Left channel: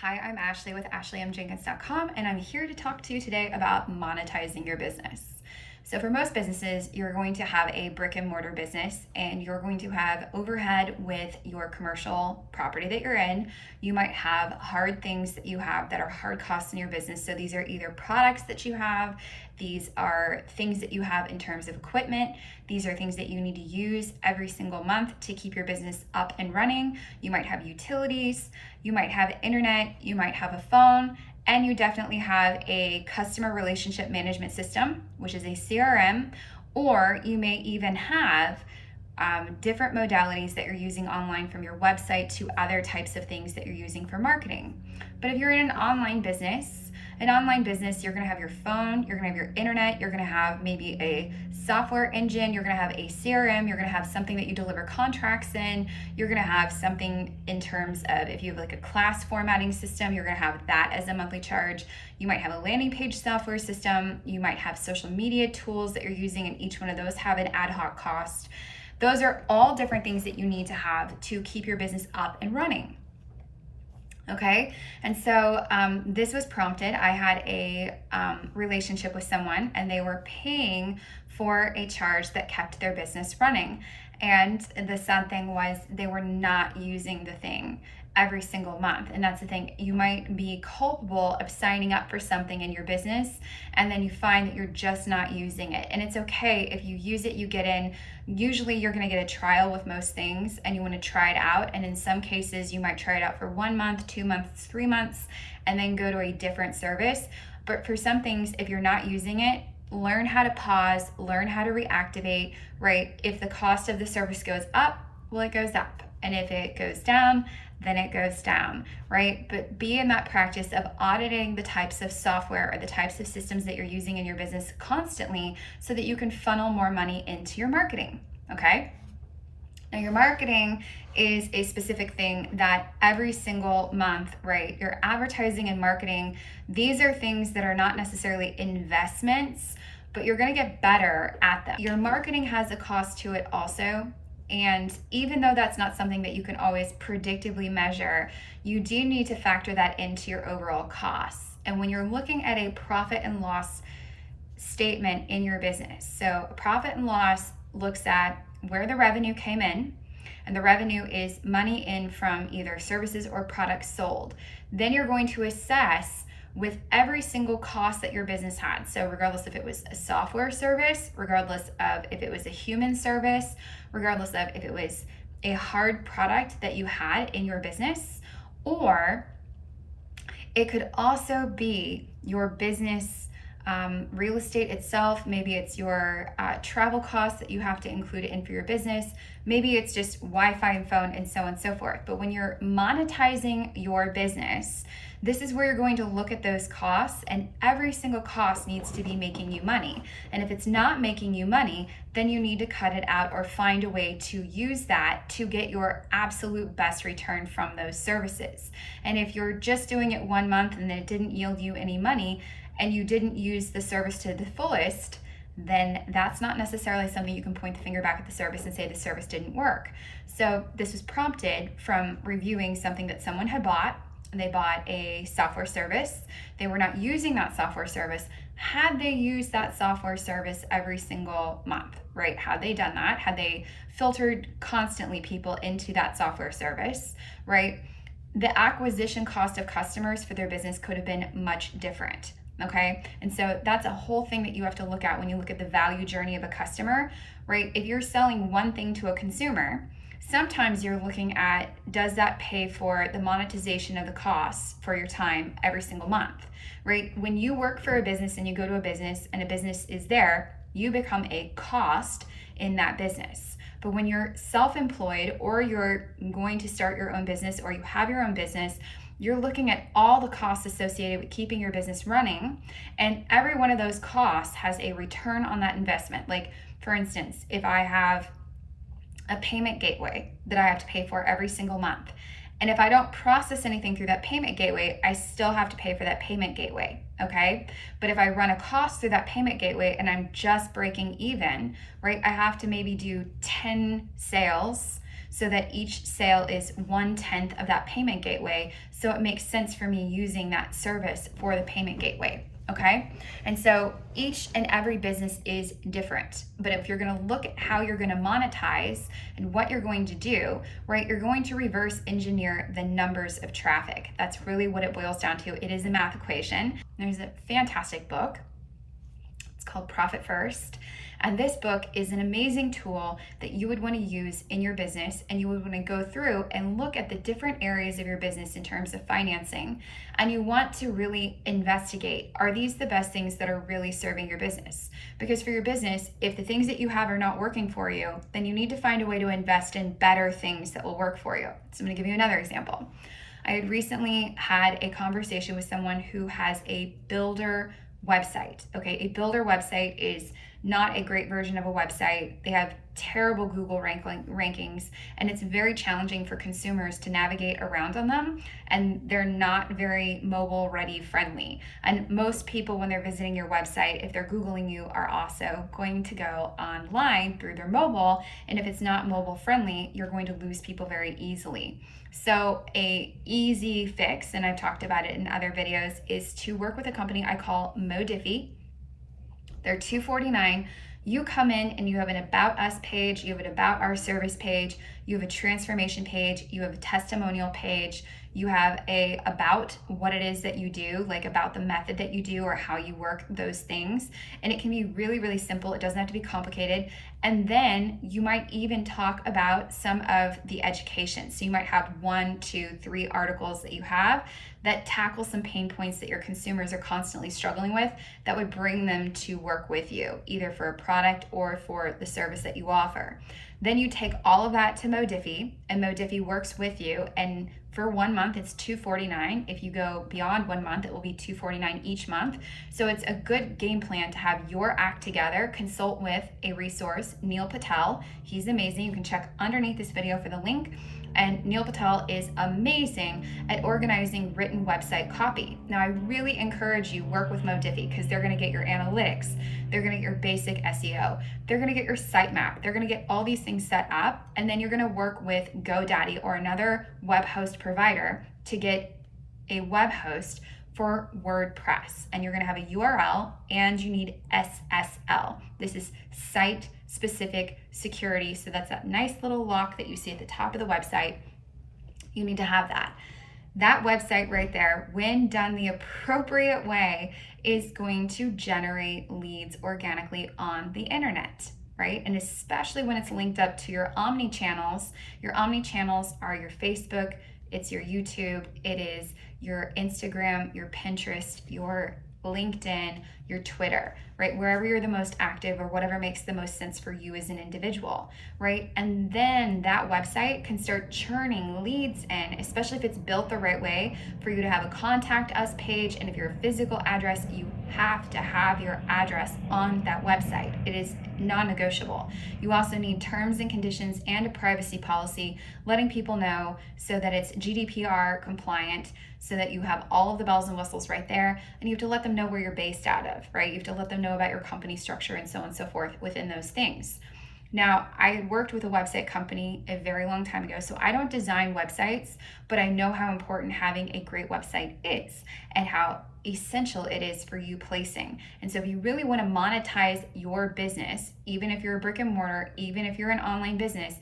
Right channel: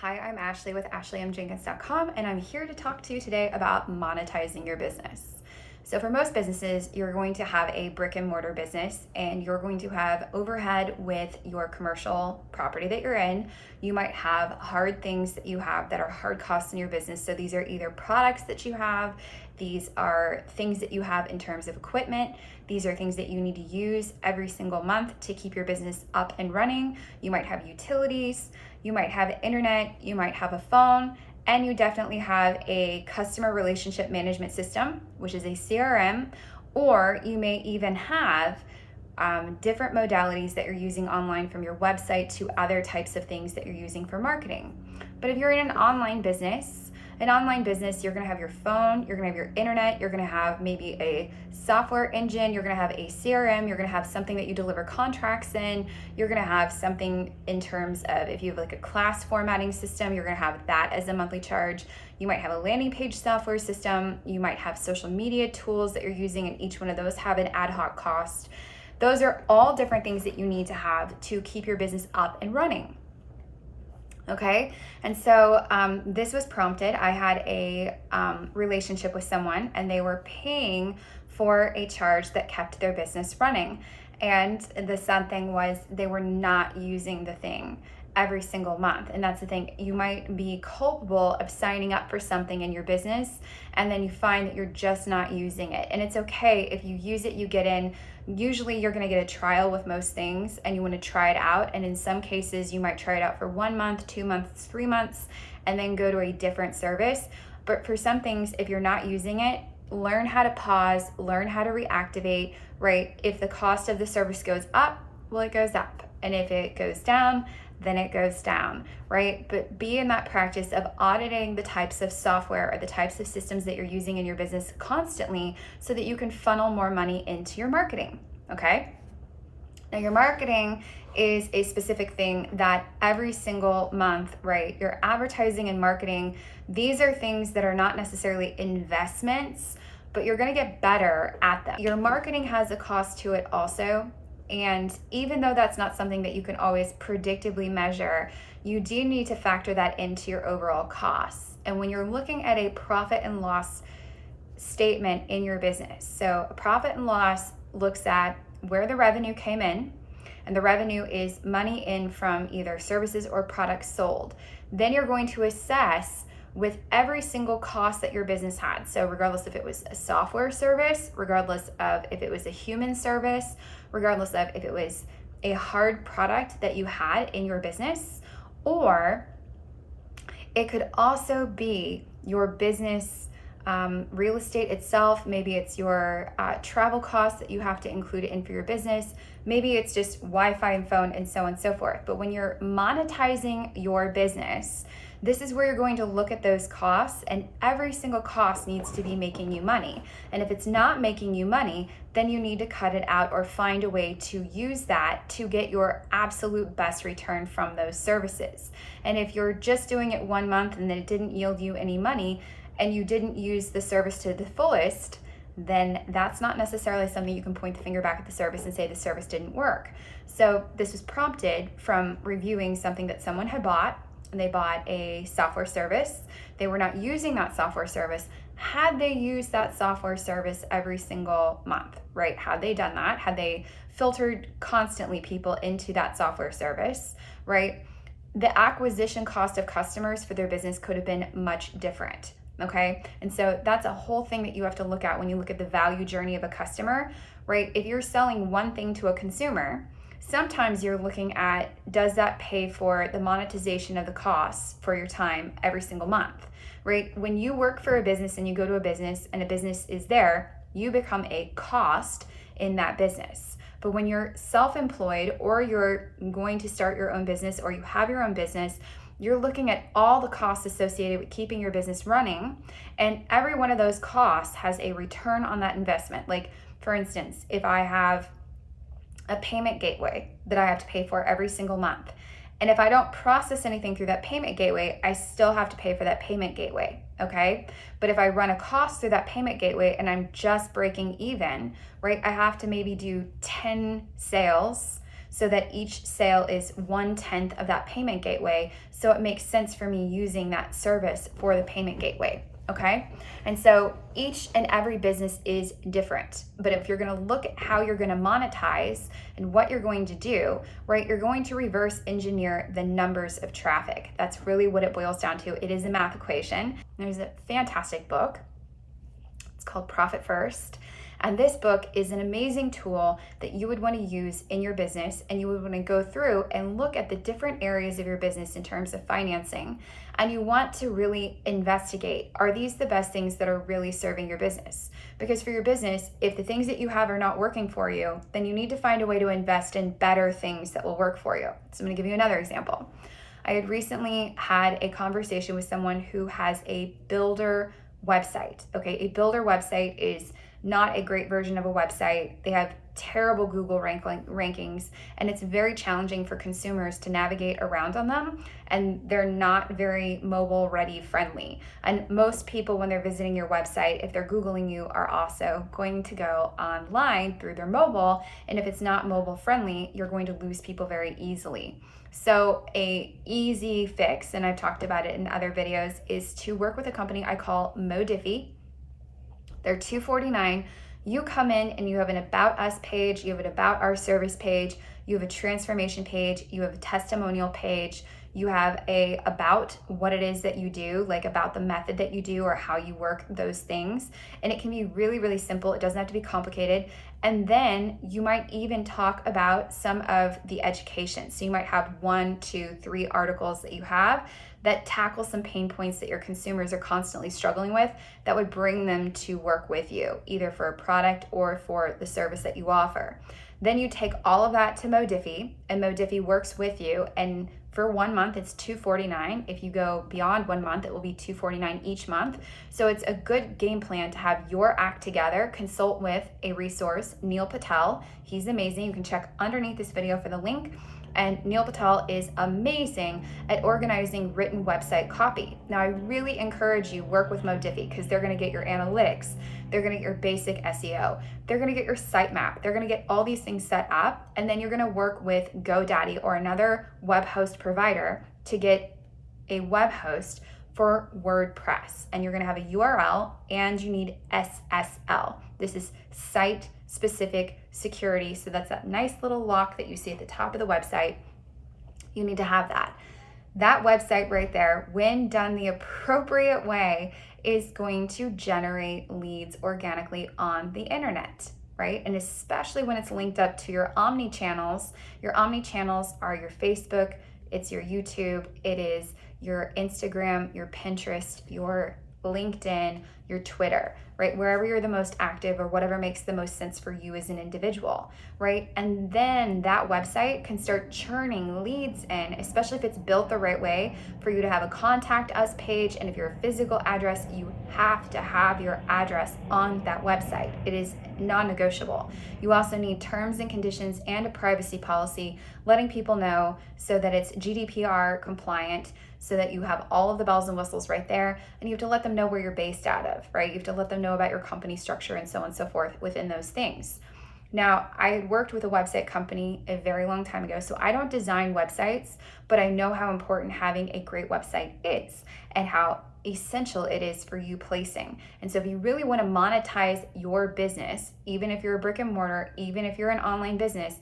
Hi, I'm Ashley with AshleyMJenkins.com, and I'm here to talk to you today about monetizing your business. So for most businesses, you're going to have a brick and mortar business and you're going to have overhead with your commercial property that you're in. You might have hard things that you have that are hard costs in your business. So these are either products that you have, these are things that you have in terms of equipment, these are things that you need to use every single month to keep your business up and running. You might have utilities, you might have internet, you might have a phone, and you definitely have a customer relationship management system, which is a CRM, or you may even have different modalities that you're using online, from your website to other types of things that you're using for marketing. But if you're in an online business, you're gonna have your phone, you're gonna have your internet, you're gonna have maybe a software engine, you're gonna have a CRM, you're gonna have something that you deliver contracts in, you're gonna have something in terms of, if you have like a class formatting system, you're gonna have that as a monthly charge. You might have a landing page software system, you might have social media tools that you're using, and each one of those have an ad hoc cost. Those are all different things that you need to have to keep your business up and running. Okay, and so this was prompted. I had a relationship with someone and they were paying for a charge that kept their business running. And the sad thing was they were not using the thing every single month. And that's the thing. You might be culpable of signing up for something in your business and then you find that you're just not using it. And it's okay if you use it, you get in. Usually you're going to get a trial with most things and you want to try it out. And in some cases, you might try it out for 1 month, 2 months, 3 months, and then go to a different service. But for some things, if you're not using it, learn how to pause, learn how to reactivate, right? If the cost of the service goes up, well, it goes up. And if it goes down, then it goes down, right? But be in that practice of auditing the types of software or the types of systems that you're using in your business constantly so that you can funnel more money into your marketing, okay? Now, your marketing is a specific thing that every single month, right? Your advertising and marketing, these are things that are not necessarily investments, but you're gonna get better at them. Your marketing has a cost to it also. And even though that's not something that you can always predictably measure, you do need to factor that into your overall costs. And when you're looking at a profit and loss statement in your business, so a profit and loss looks at where the revenue came in, and the revenue is money in from either services or products sold. Then you're going to assess with every single cost that your business had. So regardless if it was a software service, regardless of if it was a human service, regardless of if it was a hard product that you had in your business, or it could also be your business real estate itself. Maybe it's your travel costs that you have to include in for your business. Maybe it's just Wi-Fi and phone and so on and so forth. But when you're monetizing your business, this is where you're going to look at those costs, and every single cost needs to be making you money. And if it's not making you money, then you need to cut it out or find a way to use that to get your absolute best return from those services. And if you're just doing it 1 month and then it didn't yield you any money and you didn't use the service to the fullest, then that's not necessarily something you can point the finger back at the service and say the service didn't work. So this was prompted from reviewing something that someone had bought. And they bought a software service. They were not using that software service. Had they used that software service every single month, right? Had they done that? Had they filtered constantly people into that software service, right? The acquisition cost of customers for their business could have been much different, okay? And so that's a whole thing that you have to look at when you look at the value journey of a customer, right? If you're selling one thing to a consumer, sometimes you're looking at, does that pay for the monetization of the costs for your time every single month, right? When you work for a business and you go to a business and a business is there, you become a cost in that business. But when you're self-employed or you're going to start your own business or you have your own business, you're looking at all the costs associated with keeping your business running, and every one of those costs has a return on that investment. Like, for instance, if I have a payment gateway that I have to pay for every single month, and if I don't process anything through that payment gateway, I still have to pay for that payment gateway, okay? But if I run a cost through that payment gateway and I'm just breaking even, right, I have to maybe do 10 sales so that each sale is 1/10 of that payment gateway. So it makes sense for me using that service for the payment gateway. Okay. And so each and every business is different. But if you're going to look at how you're going to monetize and what you're going to do, right, you're going to reverse engineer the numbers of traffic. That's really what it boils down to. It is a math equation. There's a fantastic book. It's called Profit First. And this book is an amazing tool that you would want to use in your business, and you would want to go through and look at the different areas of your business in terms of financing. And you want to really investigate, are these the best things that are really serving your business? Because for your business, if the things that you have are not working for you, then you need to find a way to invest in better things that will work for you. So I'm going to give you another example. I had recently had a conversation with someone who has a builder website. Okay, a builder website is not a great version of a website. They have terrible Google rankings, and it's very challenging for consumers to navigate around on them, and they're not very mobile ready friendly. And most people, when they're visiting your website, if they're Googling you, are also going to go online through their mobile, and if it's not mobile friendly, you're going to lose people very easily. So a easy fix, and I've talked about it in other videos, is to work with a company I call MONETIZING. They're $249. You come in and you have an About Us page, you have an About Our Service page, you have a transformation page, you have a testimonial page, you have a about what it is that you do, like about the method that you do or how you work those things. And it can be really, really simple. It doesn't have to be complicated. And then you might even talk about some of the education. So you might have 1, 2, 3 articles that you have that tackle some pain points that your consumers are constantly struggling with that would bring them to work with you, either for a product or for the service that you offer. Then you take all of that to MONETIZING, and MONETIZING works with you. And for 1 month, it's $249. If you go beyond 1 month, it will be $249 each month. So it's a good game plan to have your act together. Consult with a resource, Neil Patel. He's amazing. You can check underneath this video for the link. And Neil Patel is amazing at organizing written website copy. Now, I really encourage you work with MONETIZING because they're going to get your analytics, they're going to get your basic SEO, they're going to get your sitemap, they're going to get all these things set up, and then you're going to work with GoDaddy or another web host provider to get a web host for WordPress. And you're going to have a URL, and you need SSL. This is site specific security. So that's that nice little lock that you see at the top of the website. You need to have that. That website right there, when done the appropriate way, is going to generate leads organically on the internet, right? And especially when it's linked up to your omni channels. Your omni channels are your Facebook, it's your YouTube, it is your Instagram, your Pinterest, your LinkedIn, your Twitter, right? Wherever you're the most active or whatever makes the most sense for you as an individual, right? And then that website can start churning leads in, especially if it's built the right way for you to have a contact us page. And if you're a physical address, you have to have your address on that website. It is non-negotiable. You also need terms and conditions and a privacy policy, letting people know so that it's GDPR compliant, so that you have all of the bells and whistles right there. And you have to let them know where you're based out of, right? You have to let them know about your company structure and so on and so forth within those things. Now, I worked with a website company a very long time ago, so I don't design websites, but I know how important having a great website is and how essential it is for you placing. And so if you really want to monetize your business, even if you're a brick and mortar, even if you're an online business,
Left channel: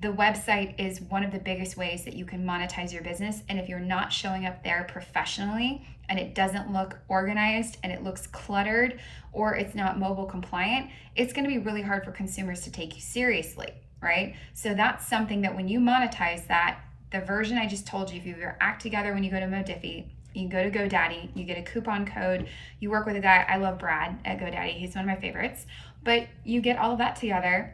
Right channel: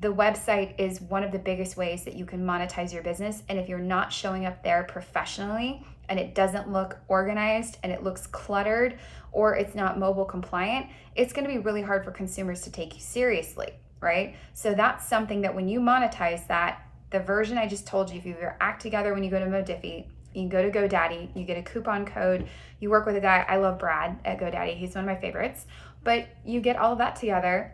the website is one of the biggest ways that you can monetize your business. And if you're not showing up there professionally and it doesn't look organized and it looks cluttered or it's not mobile compliant, it's going to be really hard for consumers to take you seriously, right? So that's something that when you monetize that, the version I just told you, if you have your act together when you go to MONETIZING, you go to GoDaddy, you get a coupon code, you work with a guy, I love Brad at GoDaddy, he's one of my favorites, but you get all of that together.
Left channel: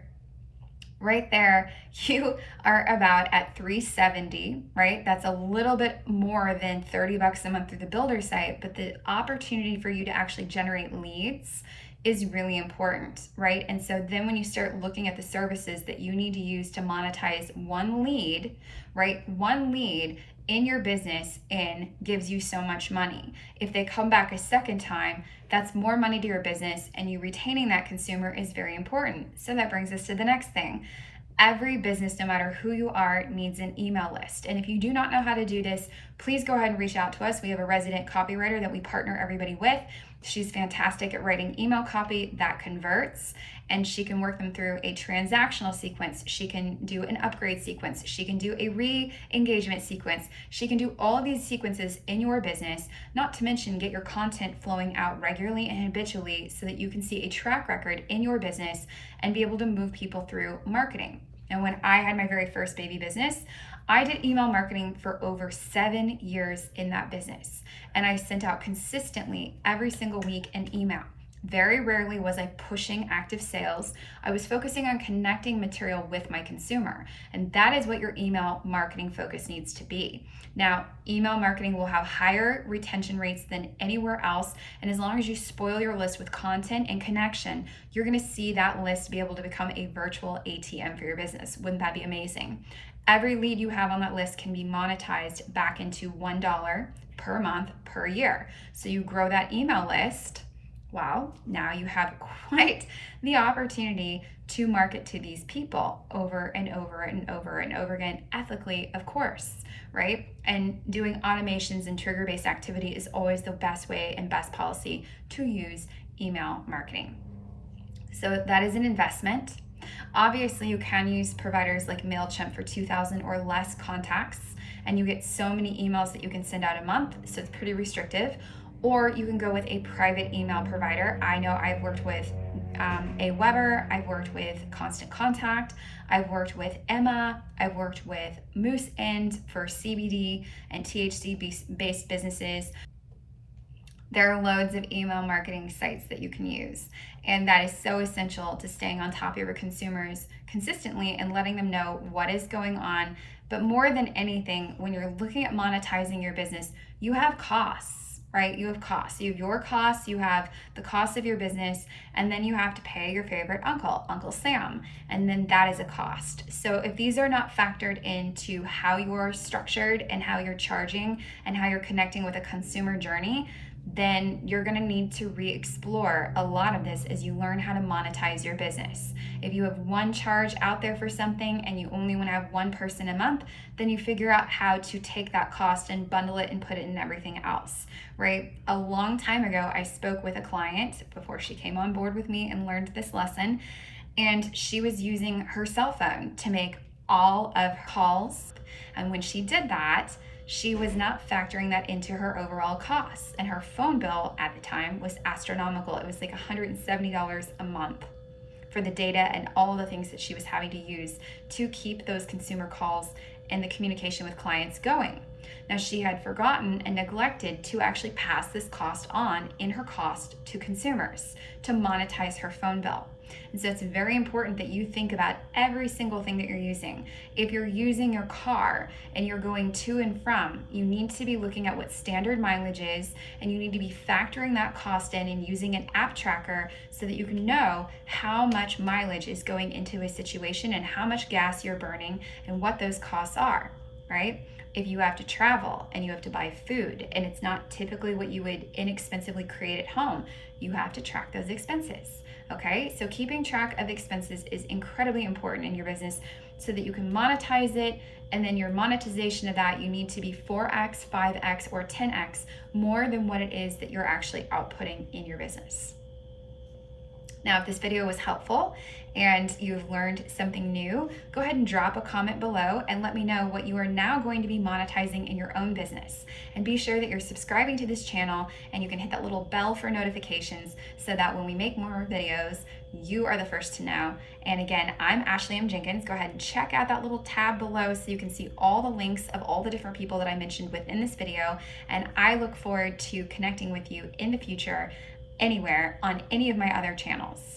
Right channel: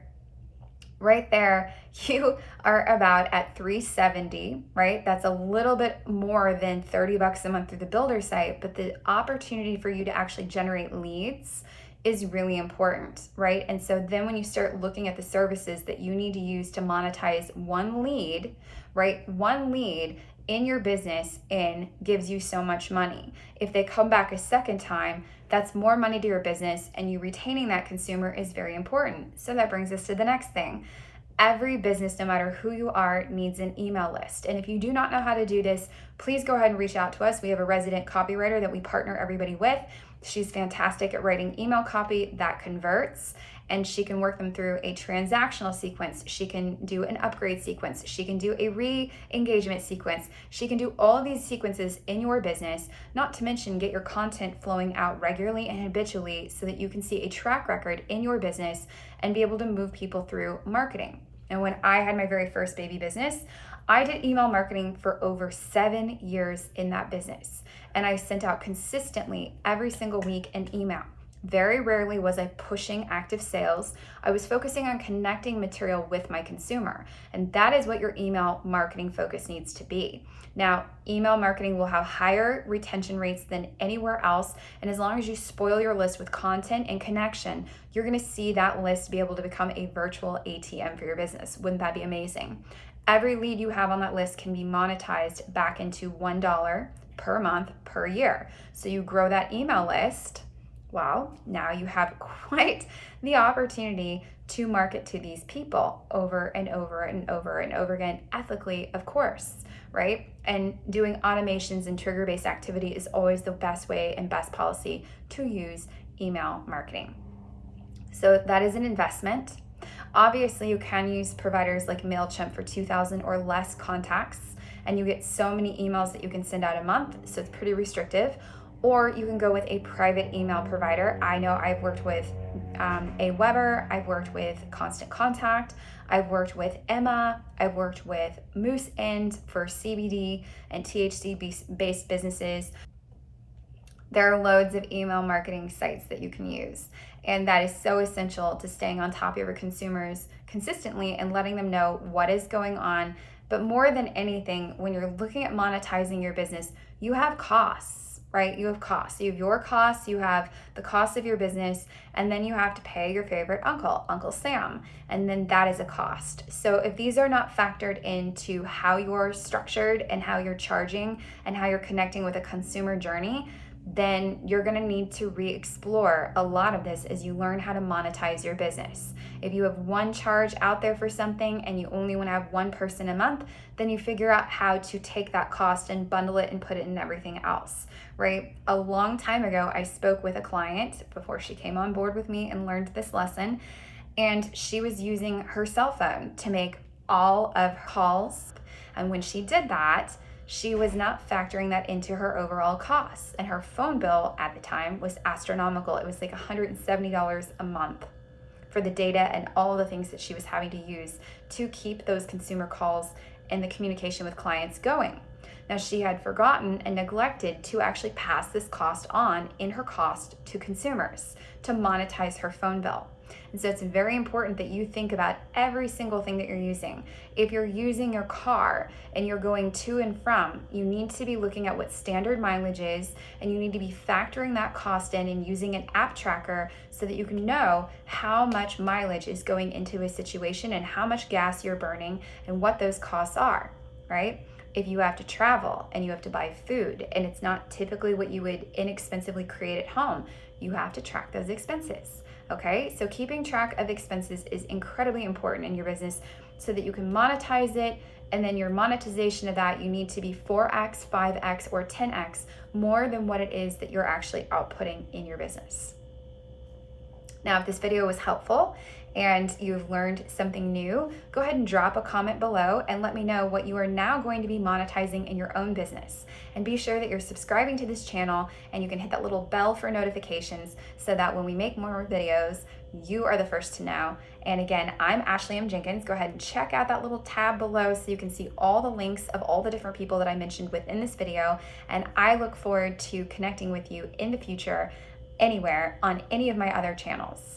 Right there, you are about at $370, right? That's a little bit more than $30 a month through the builder site, but the opportunity for you to actually generate leads is really important, right? And so then when you start looking at the services that you need to use to monetize one lead, right? One lead in your business gives you so much money. If they come back a second time, that's more money to your business, and you retaining that consumer is very important. So that brings us to the next thing. Every business, no matter who you are, needs an email list. And if you do not know how to do this, please go ahead and reach out to us. We have a resident copywriter that we partner everybody with. She's fantastic at writing email copy that converts, and she can work them through a transactional sequence. She can do an upgrade sequence. She can do a re-engagement sequence. She can do all of these sequences in your business, not to mention get your content flowing out regularly and habitually so that you can see a track record in your business and be able to move people through marketing. And when I had my very first baby business, I did email marketing for over 7 years in that business. And I sent out consistently every single week an email. Very rarely was I pushing active sales. I was focusing on connecting material with my consumer. And that is what your email marketing focus needs to be. Now, email marketing will have higher retention rates than anywhere else. And as long as you spoil your list with content and connection, you're going to see that list be able to become a virtual ATM for your business. Wouldn't that be amazing? Every lead you have on that list can be monetized back into $1 per month per year. So you grow that email list. Wow, now you have quite the opportunity to market to these people over and over and over and over again, ethically, of course, right? And doing automations and trigger-based activity is always the best way and best policy to use email marketing. So that is an investment. Obviously, you can use providers like MailChimp for 2,000 or less contacts, and you get so many emails that you can send out a month, so it's pretty restrictive. Or you can go with a private email provider. I know I've worked with Aweber, I've worked with Constant Contact, I've worked with Emma, I've worked with Moose End for CBD and THC-based businesses. There are loads of email marketing sites that you can use. And that is so essential to staying on top of your consumers consistently and letting them know what is going on. But more than anything, when you're looking at monetizing your business, you have costs, right? You have costs. You have your costs, you have the cost of your business, and then you have to pay your favorite uncle, Uncle Sam. And then that is a cost. So if these are not factored into how you're structured and how you're charging and how you're connecting with a consumer journey, then you're going to need to re-explore a lot of this as you learn how to monetize your business. If you have one charge out there for something and you only want to have one person a month, then you figure out how to take that cost and bundle it and put it in everything else, right? A long time ago, I spoke with a client before she came on board with me and learned this lesson, and she was using her cell phone to make all of her calls. And when she did that, she was not factoring that into her overall costs. And her phone bill at the time was astronomical. It was like $170 a month for the data and all the things that she was having to use to keep those consumer calls and the communication with clients going. Now, she had forgotten and neglected to actually pass this cost on in her cost to consumers to monetize her phone bill. And so it's very important that you think about every single thing that you're using. If you're using your car and you're going to and from, you need to be looking at what standard mileage is, and you need to be factoring that cost in and using an app tracker so that you can know how much mileage is going into a situation and how much gas you're burning and what those costs are, right? If you have to travel and you have to buy food and it's not typically what you would inexpensively create at home, you have to track those expenses. Okay, so keeping track of expenses is incredibly important in your business so that you can monetize it, and then your monetization of that, you need to be 4x, 5x, or 10x more than what it is that you're actually outputting in your business. Now, if this video was helpful and you've learned something new, go ahead and drop a comment below and let me know what you are now going to be monetizing in your own business. And be sure that you're subscribing to this channel and you can hit that little bell for notifications so that when we make more videos, you are the first to know. And again, I'm Ashley M. Jenkins. Go ahead and check out that little tab below so you can see all the links of all the different people that I mentioned within this video. And I look forward to connecting with you in the future, anywhere on any of my other channels.